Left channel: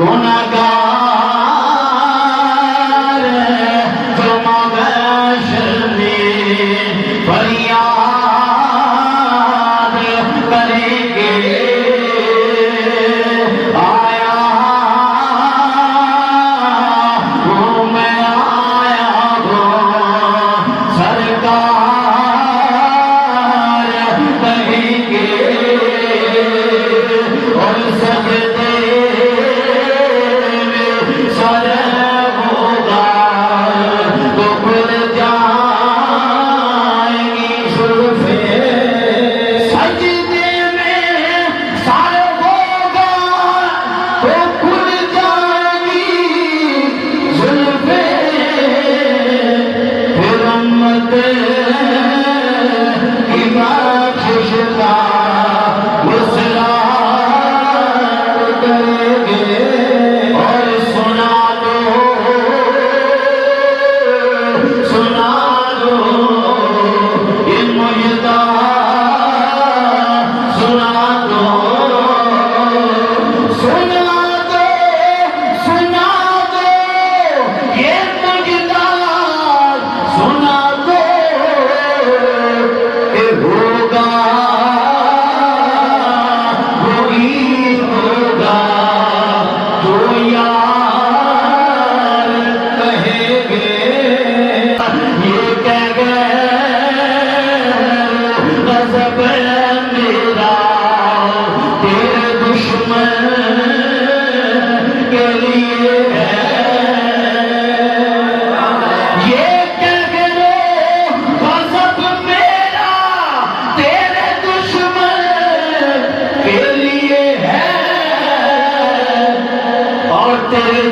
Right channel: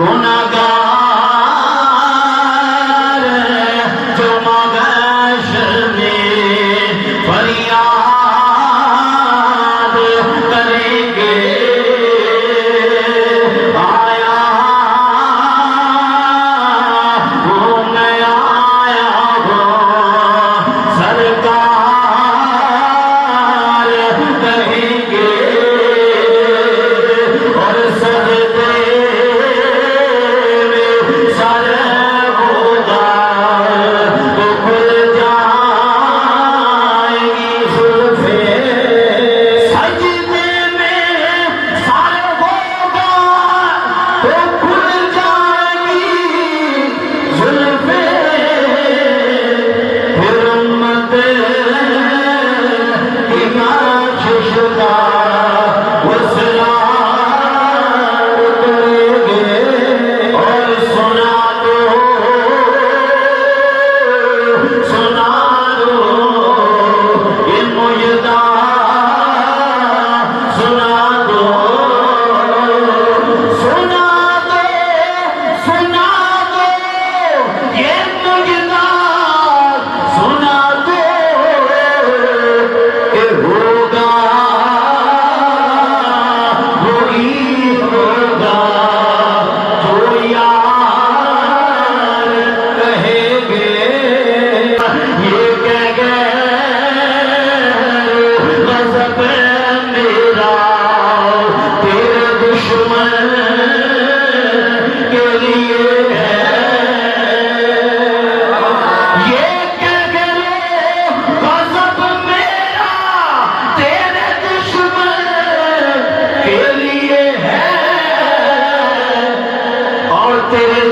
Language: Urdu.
گناہگار جو محشر میں فریاد کریں گے آیا ہوں میں آیا ہوں سرکار کہیں گے اور سجدے سارے ہوگا تو کھل جائیں گی زلفیں سجدے میں سارے ہوگا تو کھل جائیں گی زلفیں پھر امت کی بخشش کا وسیلہ کریں گے اور سنا دو یہ مجدہ سنا دو یہ مجدہ سنا دو کہ ہوگا وہی ہوگا جو یار کہیں گے یہ کہہ گئے غضب میرا تیرے دشمن کے لیے ہے یہ کہہ گئے غضب میرا تیرے دشمن کے لیے ہے اور تیرے